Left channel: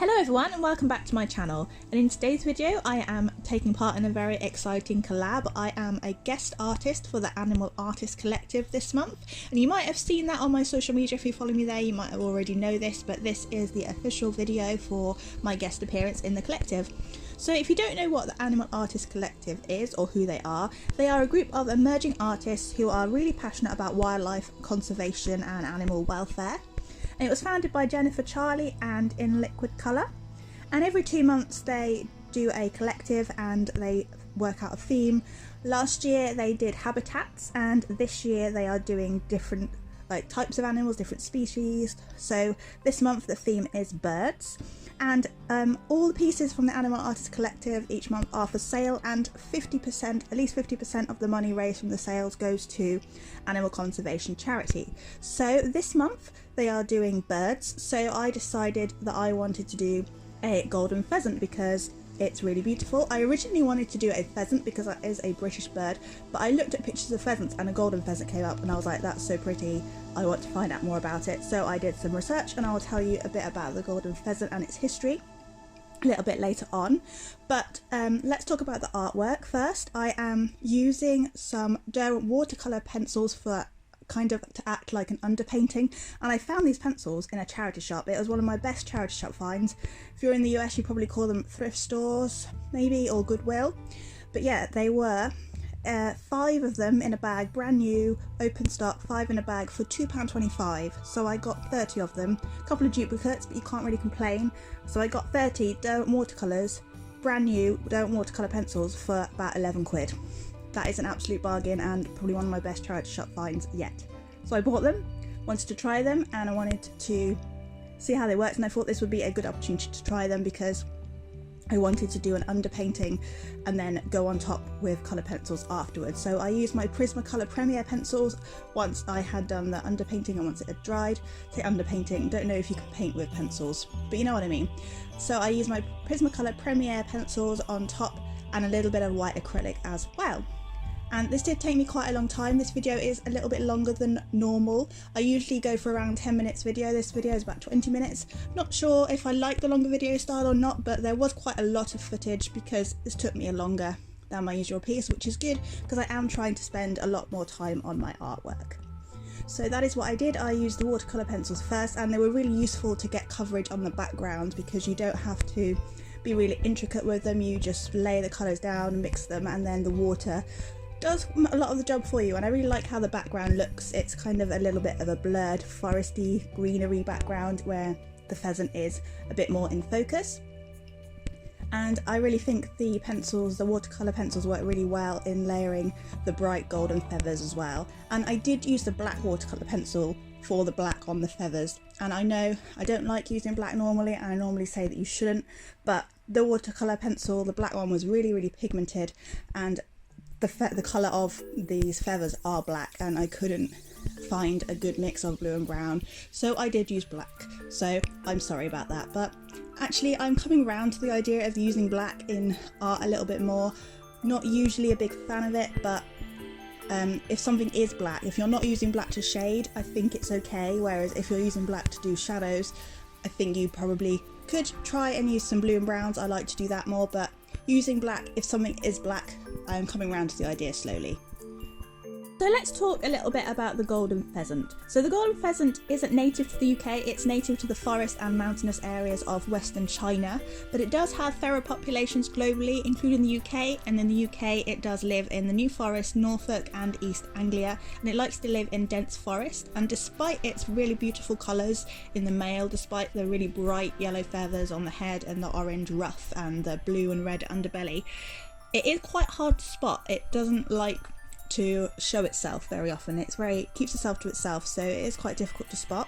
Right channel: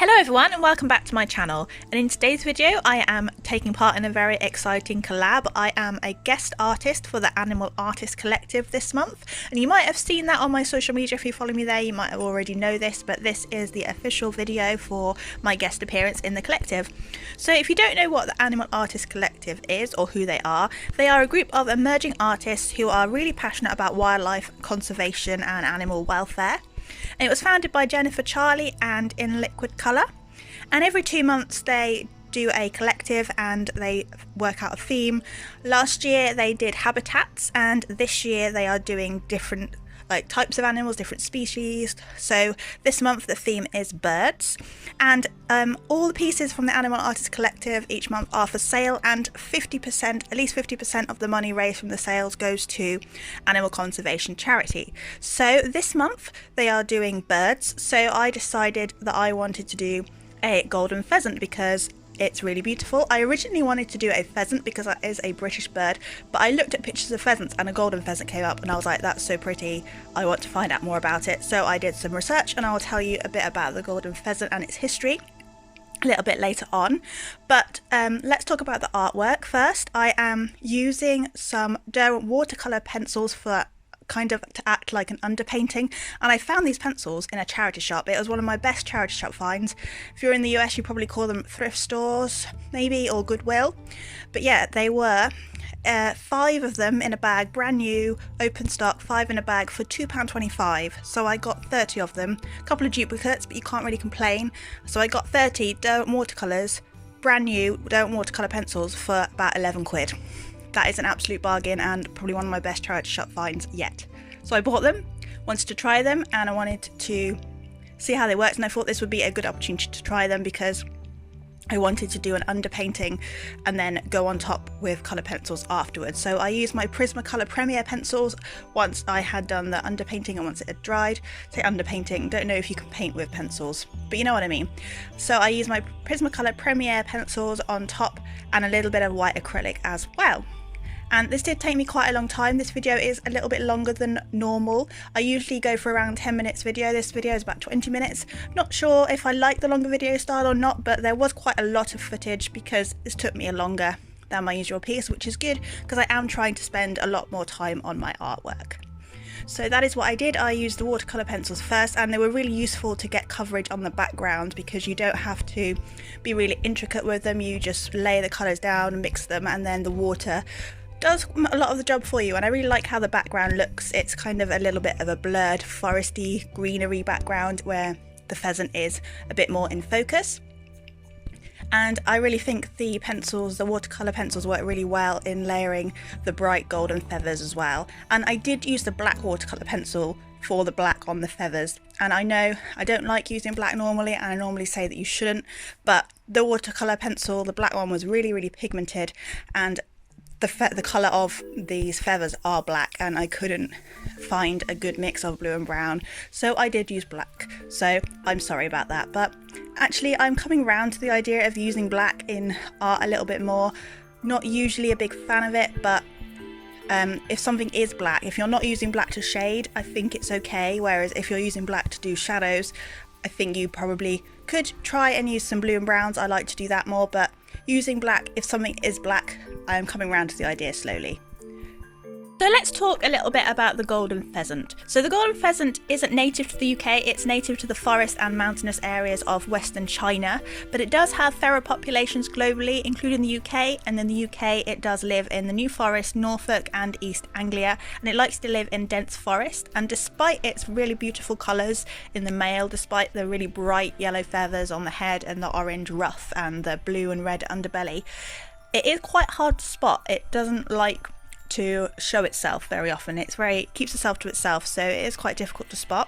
Hello everyone and welcome back to my channel, and in today's video I am taking part in a very exciting collab. I am a guest artist for the Animal Artist Collective this month, and you might have seen that on my social media. If you follow me there you might have already know this, but this is the official video for my guest appearance in the collective. So if you don't know what the Animal Artist Collective is or who they are a group of emerging artists who are really passionate about wildlife conservation and animal welfare. And it was founded by Jennifer, Charlie and In Liquid Colour, and every 2 months they do a collective and they work out a theme. Last year they did habitats, and this year they are doing different types of animals, different species. So this month the theme is birds, and all the pieces from the Animal Artist Collective each month are for sale, and 50%, at least 50% of the money raised from the sales goes to animal conservation charity. So this month they are doing birds, so I decided that I wanted to do a golden pheasant because it's really beautiful. I originally wanted to do a pheasant because that is a British bird, but I looked at pictures of pheasants and a golden pheasant came up and I was like, that's so pretty, I want to find out more about it. So I did some research and I will tell you a bit about the golden pheasant and its history a little bit later on. But let's talk about the artwork first. I am using some Derwent watercolor pencils for kind of to act like an underpainting, and I found these pencils in a charity shop. It was one of my best charity shop finds. If you're in the US you probably call them thrift stores maybe, or Goodwill, but yeah, they were 5 of them in a bag, brand new, open stock, 5 in a bag for £2.25. so I got 30 of them, a couple of duplicates, but you can't really complain. So I got 30 Derwent watercolors, brand new Derwent watercolor pencils for about 11 quid. That is an absolute bargain and probably one of my best charity shop finds yet. So I bought them, wanted to try them, and I wanted to see how they worked, and I thought this would be a good opportunity to try them because I wanted to do an underpainting and then go on top with colour pencils afterwards. So I used my Prismacolor Premier pencils once I had done the underpainting and once it had dried. Say underpainting, don't know if you can paint with pencils, but you know what I mean. So I used my Prismacolor Premier pencils on top and a little bit of white acrylic as well. And this did take me quite a long time. This video is a little bit longer than normal. I usually go for around 10 minutes video. This video is about 20 minutes. Not sure if I like the longer video style or not, but there was quite a lot of footage because this took me longer than my usual piece, which is good because I am trying to spend a lot more time on my artwork. So that is what I did. I used the watercolor pencils first, and they were really useful to get coverage on the background because you don't have to be really intricate with them. You just lay the colors down, mix them, and then the water does a lot of the job for you. And I really like how the background looks. It's kind of a little bit of a blurred foresty greenery background where the pheasant is a bit more in focus. And I really think the pencils, the watercolor pencils, work really well in layering the bright golden feathers as well. And I did use the black watercolor pencil for the black on the feathers, and I know I don't like using black normally, and I normally say that you shouldn't, but the watercolor pencil, the black one, was really pigmented, and the colour of these feathers are black, and I couldn't find a good mix of blue and brown, so I did use black. So I'm sorry about that, but actually I'm coming round to the idea of using black in art a little bit more. Not usually a big fan of it, but if something is black, if you're not using black to shade, I think it's okay, whereas if you're using black to do shadows, I think you probably could try and use some blue and browns. I like to do that more, but using black, if something is black, I am coming around to the idea slowly. So let's talk a little bit about the golden pheasant. So the golden pheasant isn't native to the UK, it's native to the forest and mountainous areas of Western China, but it does have feral populations globally, including the UK, and in the UK it does live in the New Forest, Norfolk and East Anglia, and it likes to live in dense forest. And despite its really beautiful colours in the male, despite the really bright yellow feathers on the head and the orange ruff and the blue and red underbelly, it is quite hard to spot. It doesn't like to show itself very often. It keeps itself to itself, so it is quite difficult to spot.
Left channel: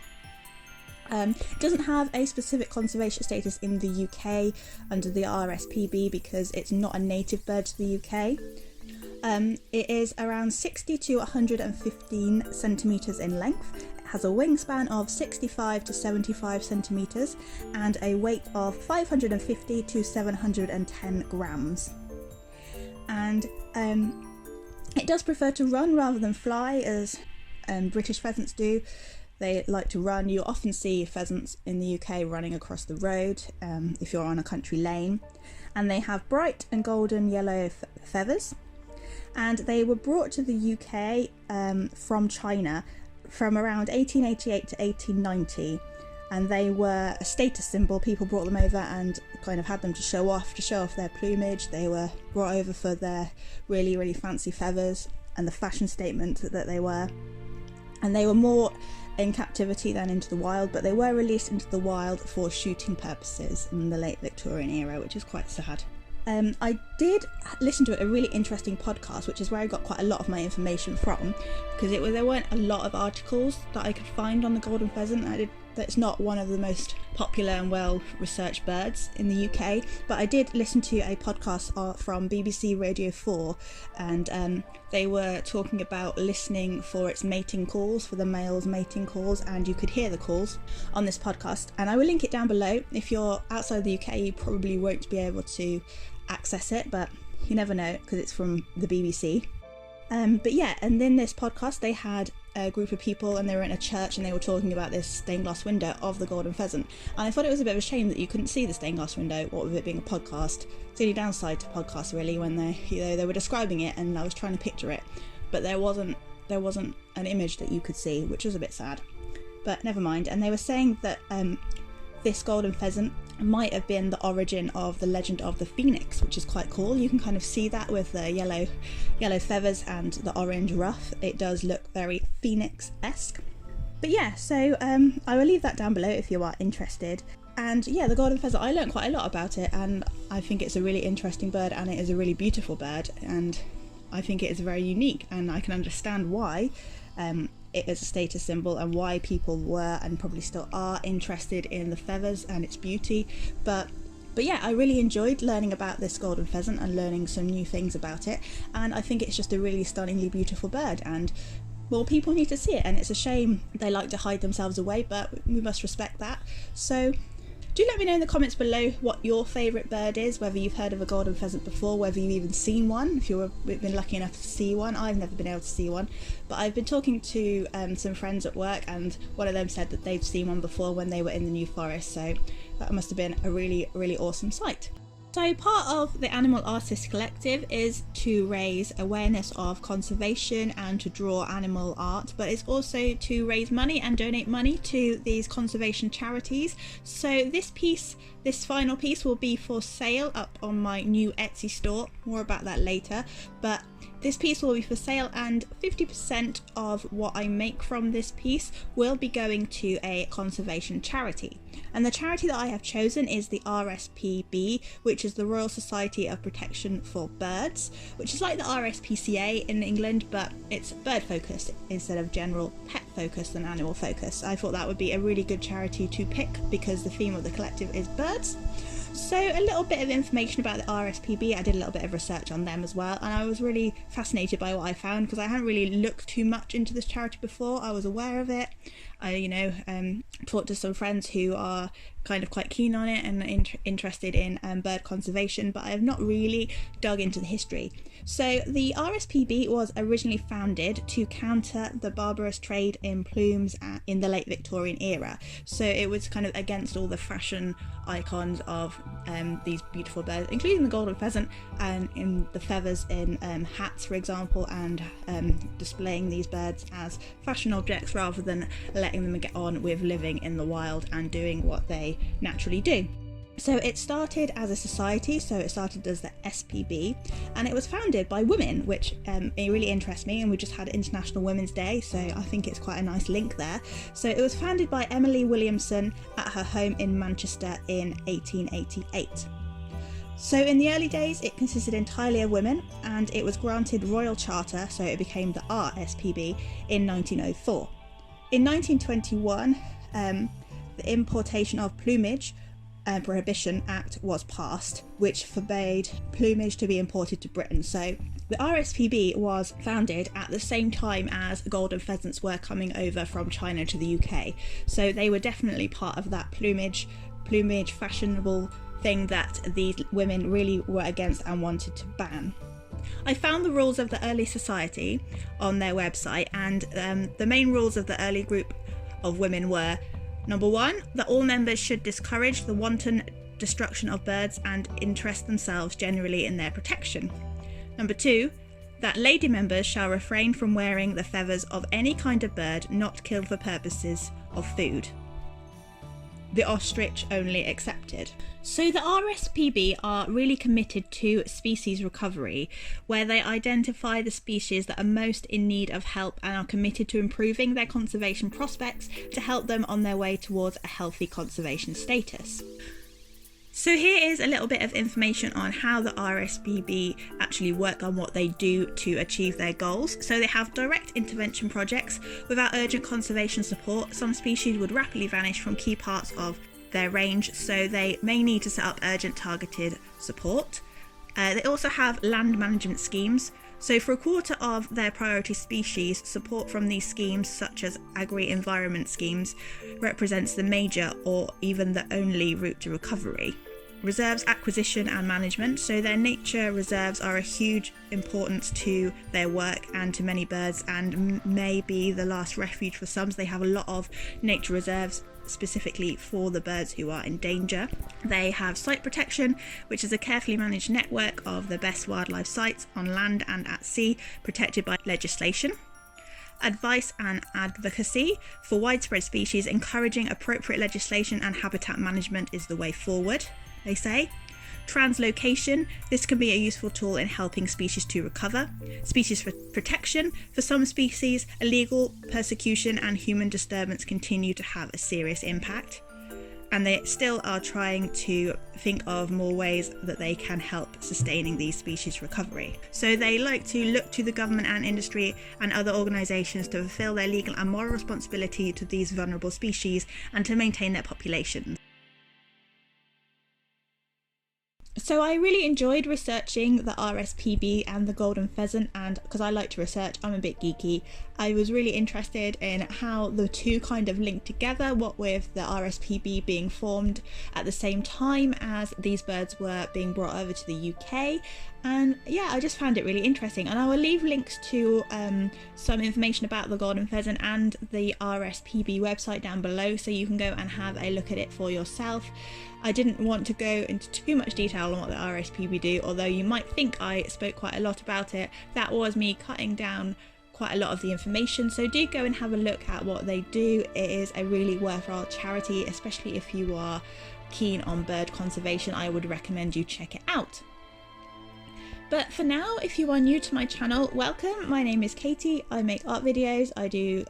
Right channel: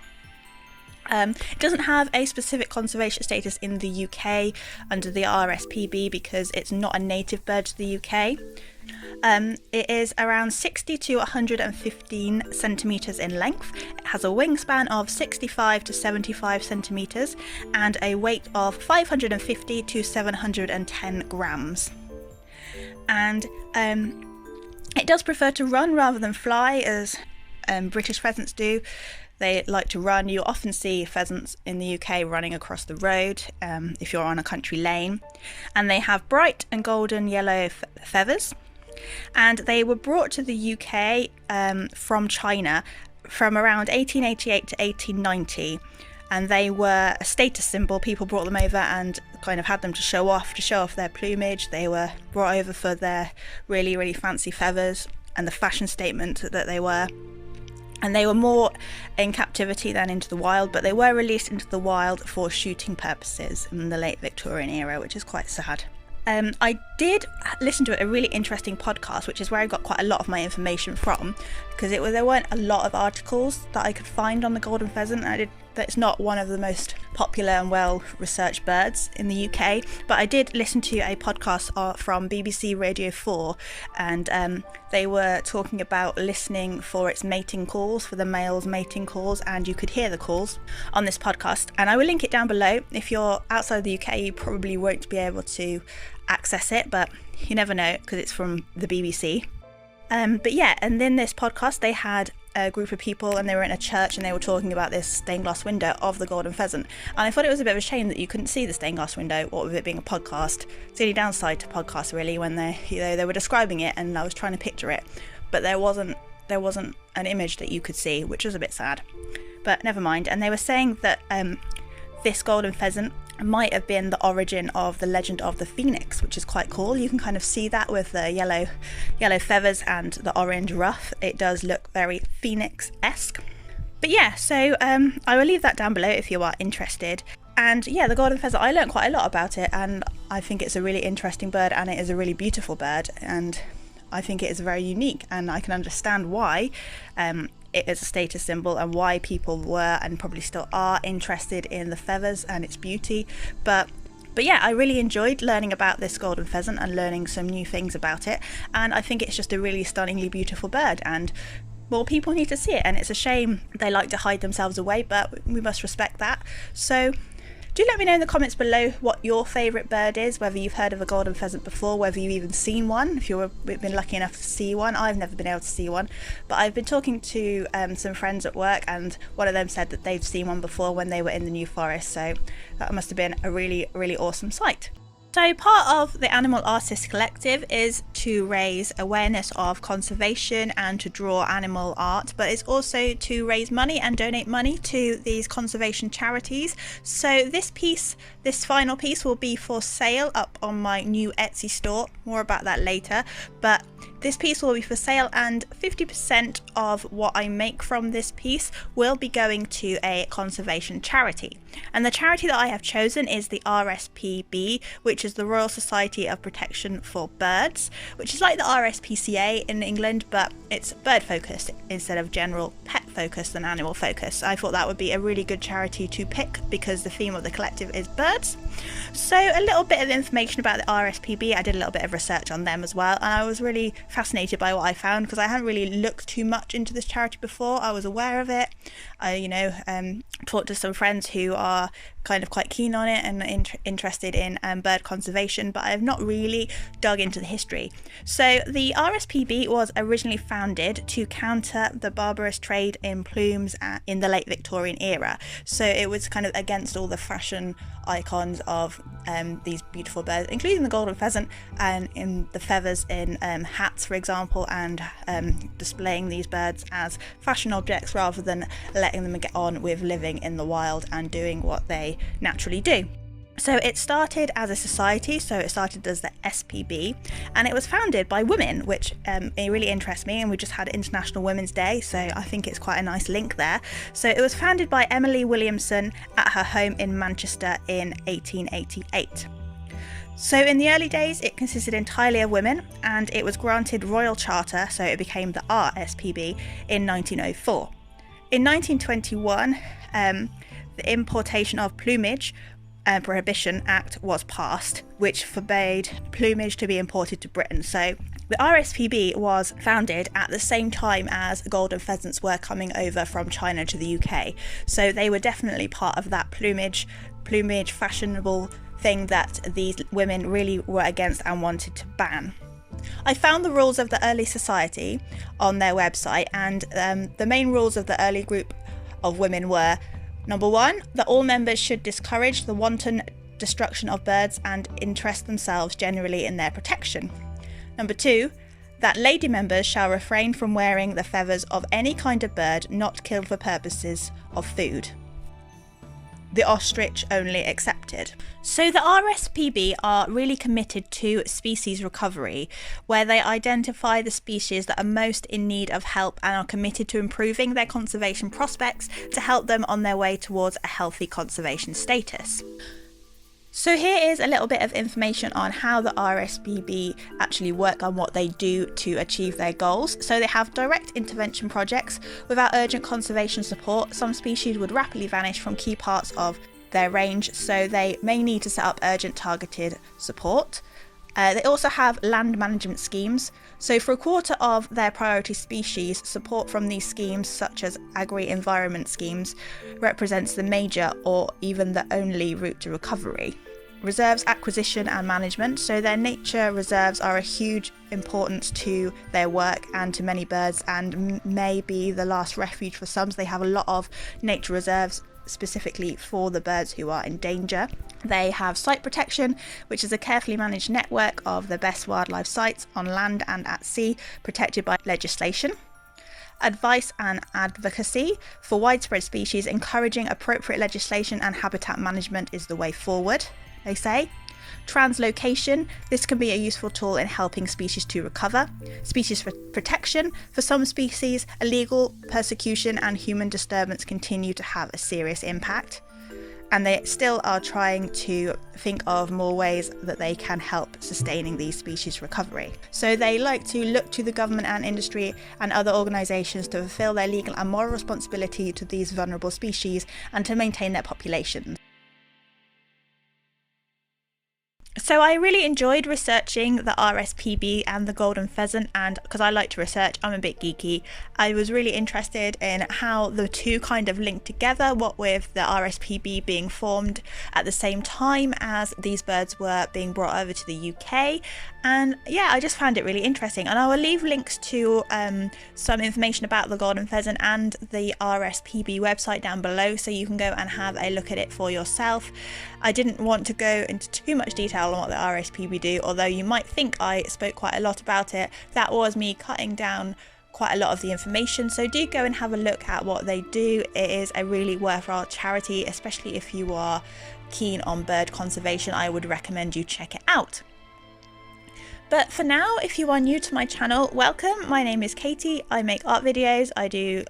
It doesn't have a specific conservation status in the UK under the Rspb because it's not a native bird to the UK. It is around 60 to 115 centimetres in length. It has a wingspan of 65 to 75 centimetres and a weight of 550 to 710 grams. And it does prefer to run rather than fly, as British pheasants do. They like to run. You often see pheasants in the UK running across the road if you're on a country lane. And they have bright and golden yellow feathers. And they were brought to the UK from China from around 1888 to 1890. And they were a status symbol. People brought them over and kind of had them to show off their plumage. They were brought over for their really, really fancy feathers and the fashion statement that they were. And they were more in captivity than into the wild, but they were released into the wild for shooting purposes in the late Victorian era, which is quite sad. I did listen to a really interesting podcast, which is where I got quite a lot of my information from, because there weren't a lot of articles that I could find on the golden pheasant. That's not one of the most popular and well-researched birds in the UK, but I did listen to a podcast from BBC Radio 4, and they were talking about listening for its mating calls, for the male's mating calls, and you could hear the calls on this podcast, and I will link it down below. If you're outside the UK, you probably won't be able to access it, but you never know because it's from the BBC. But yeah, and in this podcast they had a group of people and they were in a church and they were talking about this stained glass window of the golden pheasant, and I thought it was a bit of a shame that you couldn't see the stained glass window, what with it being a podcast. It's the only downside to podcasts really, when they were describing it and I was trying to picture it, but there wasn't an image that you could see, which was a bit sad, but never mind. And they were saying that this golden pheasant might have been the origin of the legend of the phoenix, which is quite cool. You can kind of see that with the yellow feathers and the orange ruff. It does look very phoenix-esque. But yeah, so I will leave that down below if you are interested. And yeah, the golden pheasant, I learned quite a lot about it, and I think it's a really interesting bird and it is a really beautiful bird, and I think it is very unique, and I can understand why it is a status symbol and why people were and probably still are interested in the feathers and its beauty. But yeah, I really enjoyed learning about this golden pheasant and learning some new things about it, and I think it's just a really stunningly beautiful bird, and more people need to see it. And it's a shame they like to hide themselves away, but we must respect that. So do let me know in the comments below what your favourite bird is, whether you've heard of a golden pheasant before, whether you've even seen one, if you've been lucky enough to see one. I've never been able to see one, but I've been talking to some friends at work, and one of them said that they've seen one before when they were in the New Forest, so that must have been a really, really awesome sight. So part of the Animal Artists Collective is to raise awareness of conservation and to draw animal art, but it's also to raise money and donate money to these conservation charities. So this final piece will be for sale up on my new Etsy store. More about that later, but this piece will be for sale, and 50% of what I make from this piece will be going to a conservation charity. And the charity that I have chosen is the Rspb, which is the Royal Society of Protection for Birds, which is like the RSPCA in England, but it's bird focused instead of general pet focused and animal focused. I thought that would be a really good charity to pick because the theme of the collective is birds. So a little bit of information about the Rspb. I did a little bit of research on them as well, and I was really fascinated by what I found because I hadn't really looked too much into this charity before. I was aware of it. I talked to some friends who are kind of quite keen on it and interested in bird conservation, but I have not really dug into the history. So the Rspb was originally founded to counter the barbarous trade in plumes in the late Victorian era. So it was kind of against all the fashion icons of these beautiful birds, including the golden pheasant, and in the feathers in hats, for example, and displaying these birds as fashion objects rather than letting them get on with living in the wild and doing what they naturally do. So it started as a society, so it started as the SPB, and it was founded by women, which it really interests me, and we just had International Women's Day, so I think it's quite a nice link there. So it was founded by Emily Williamson at her home in Manchester in 1888. So in the early days it consisted entirely of women, and it was granted royal charter, so it became the Rspb in 1904. In 1921, the Importation of Plumage Prohibition Act was passed, which forbade plumage to be imported to Britain. So the Rspb was founded at the same time as golden pheasants were coming over from China to the UK. So they were definitely part of that plumage fashionable thing that these women really were against and wanted to ban. I found the rules of the early society on their website, and the main rules of the early group of women were: number 1, that all members should discourage the wanton destruction of birds and interest themselves generally in their protection. Number 2, that lady members shall refrain from wearing the feathers of any kind of bird not killed for purposes of food. The ostrich only excepted. So the Rspb are really committed to species recovery, where they identify the species that are most in need of help and are committed to improving their conservation prospects to help them on their way towards a healthy conservation status. So here is a little bit of information on how the Rspb actually work and what they do to achieve their goals. So they have direct intervention projects. Without urgent conservation support, some species would rapidly vanish from key parts of their range, so they may need to set up urgent targeted support. They also have land management schemes. So for a quarter of their priority species, support from these schemes, such as agri-environment schemes, represents the major or even the only route to recovery. Reserves acquisition and management. So their nature reserves are a huge importance to their work and to many birds, and may be the last refuge for some. So they have a lot of nature reserves specifically for the birds who are in danger. They have site protection, which is a carefully managed network of the best wildlife sites on land and at sea, protected by legislation. Advice and advocacy for widespread species, encouraging appropriate legislation and habitat management is the way forward, they say. Translocation, this can be a useful tool in helping species to recover. Species protection, for some species, illegal persecution and human disturbance continue to have a serious impact, and they still are trying to think of more ways that they can help sustaining these species recovery. So they like to look to the government and industry and other organisations to fulfil their legal and moral responsibility to these vulnerable species and to maintain their populations. So I really enjoyed researching the Rspb and the Golden Pheasant, and because I like to research, I'm a bit geeky, I was really interested in how the two kind of linked together, what with the Rspb being formed at the same time as these birds were being brought over to the UK. And yeah, I just found it really interesting, and I will leave links to some information about the Golden Pheasant and the Rspb website down below, so you can go and have a look at it for yourself. I didn't want to go into too much detail on what the Rspb do, although you might think I spoke quite a lot about it. That was me cutting down quite a lot of the information, so do go and have a look at what they do. It is a really worthwhile charity, especially if you are keen on bird conservation. I would recommend you check it out. But for now, if you are new to my channel, welcome. My name is Katie. I make art videos, I do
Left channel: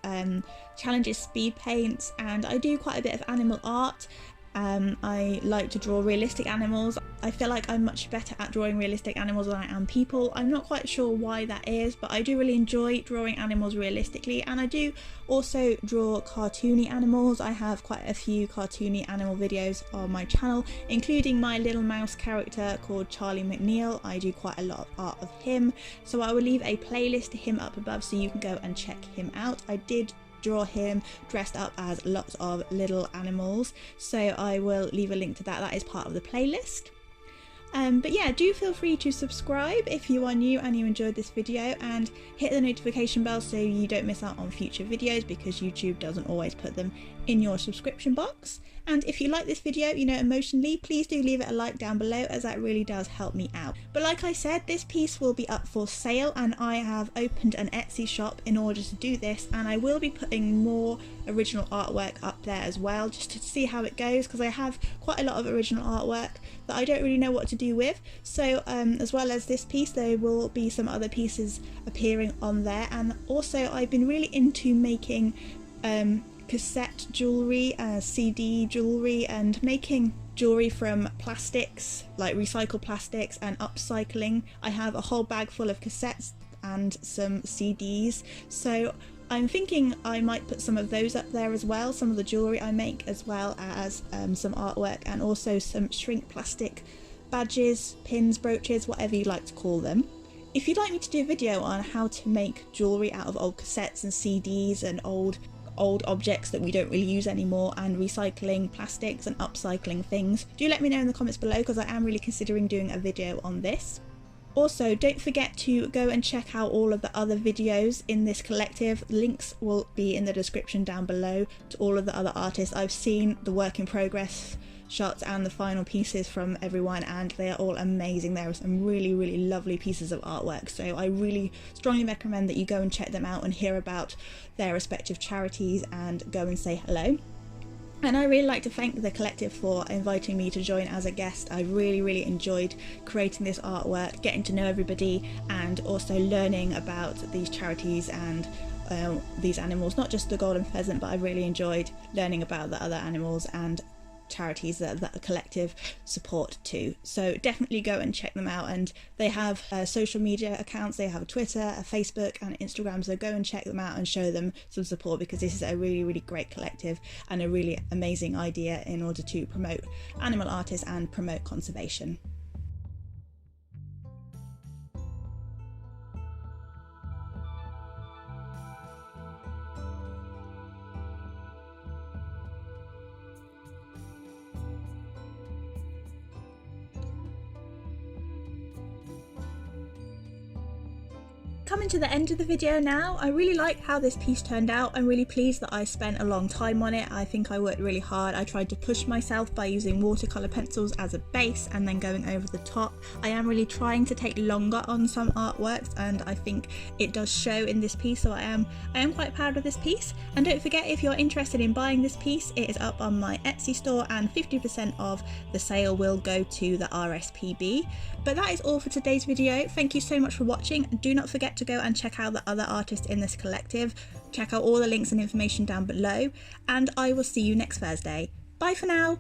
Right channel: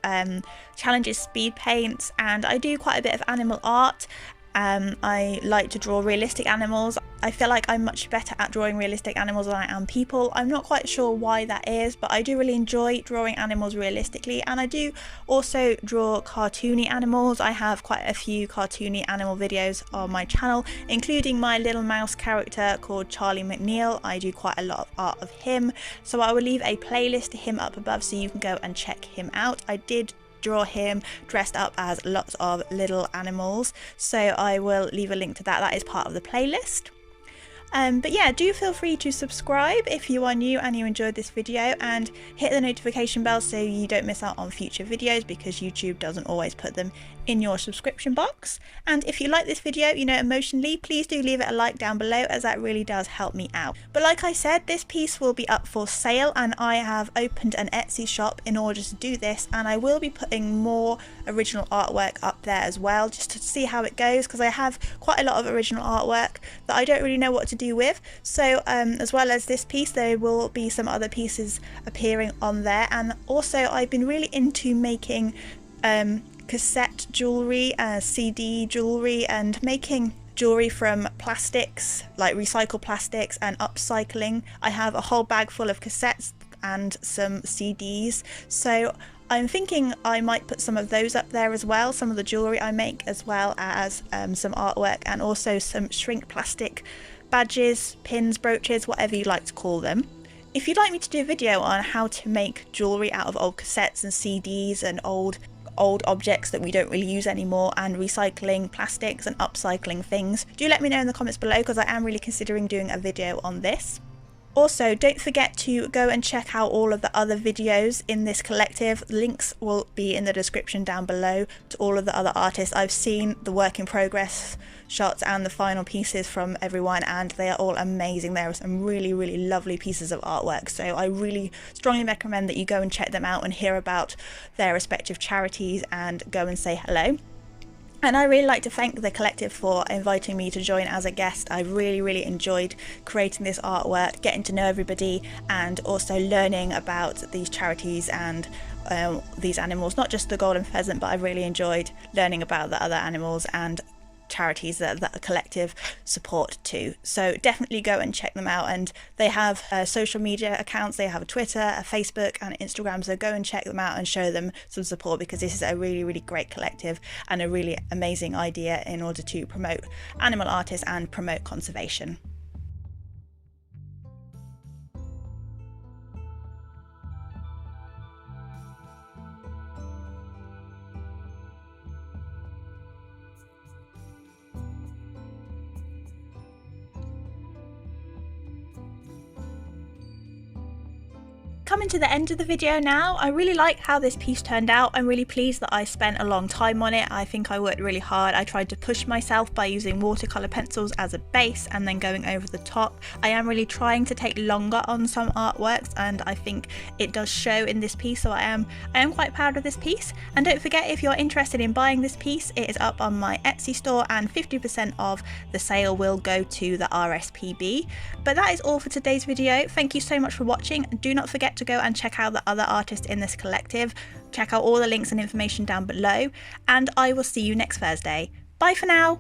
challenges, speed paints, and I do quite a bit of animal art. I like to draw realistic animals. I feel like I'm much better at drawing realistic animals than I am people. I'm not quite sure why that is, but I do really enjoy drawing animals realistically, and I do also draw cartoony animals. I have quite a few cartoony animal videos on my channel, including my little mouse character called Charlie McNeil. I do quite a lot of art of him, so I will leave a playlist to him up above so you can go and check him out. I did draw him dressed up as lots of little animals, so I will leave a link to that. That is part of the playlist. But yeah, do feel free to subscribe if you are new and you enjoyed this video, and hit the notification bell so you don't miss out on future videos, because YouTube doesn't always put them in your subscription box. And if you like this video, emotionally, please do leave it a like down below, as that really does help me out. But like I said, this piece will be up for sale, and I have opened an Etsy shop in order to do this, and I will be putting more original artwork up there as well, just to see how it goes, because I have quite a lot of original artwork that I don't really know what to do with. So as well as this piece, there will be some other pieces appearing on there. And also I've been really into making cassette jewelry, CD jewelry, and making jewelry from plastics, like recycled plastics, and upcycling. I have a whole bag full of cassettes and some CDs, so I'm thinking I might put some of those up there as well, some of the jewelry I make, as well as some artwork, and also some shrink plastic badges, pins, brooches, whatever you like to call them. If you'd like me to do a video on how to make jewelry out of old cassettes and CDs and old objects that we don't really use anymore, and recycling plastics and upcycling things, do let me know in the comments below, because I am really considering doing a video on this. Also, don't forget to go and check out all of the other videos in this collective. Links will be in the description down below to all of the other artists. I've seen the work in progress shots and the final pieces from everyone, and they are all amazing. There are some really, really lovely pieces of artwork, so I really strongly recommend that you go and check them out and hear about their respective charities and go and say hello. And I really like to thank the collective for inviting me to join as a guest. I really enjoyed creating this artwork, getting to know everybody, and also learning about these charities and these animals, not just the Golden Pheasant, but I really enjoyed learning about the other animals and charities that the collective support too. So definitely go and check them out, and they have social media accounts. They have a Twitter, a Facebook and Instagram, so go and check them out and show them some support, because this is a really great collective and a really amazing idea in order to promote animal artists and promote conservation. Coming to the end of the video now, I really like how this piece turned out. I'm really pleased that I spent a long time on it. I think I worked really hard. I tried to push myself by using watercolor pencils as a base and then going over the top. I am really trying to take longer on some artworks, and I think it does show in this piece, so I am quite proud of this piece. And don't forget, if you're interested in buying this piece, it is up on my Etsy store and 50% of the sale will go to the Rspb. But that is all for today's video. Thank you so much for watching. Do not forget to go and check out the other artists in this collective. Check out all the links and information down below, and I will see you next Thursday. Bye for now.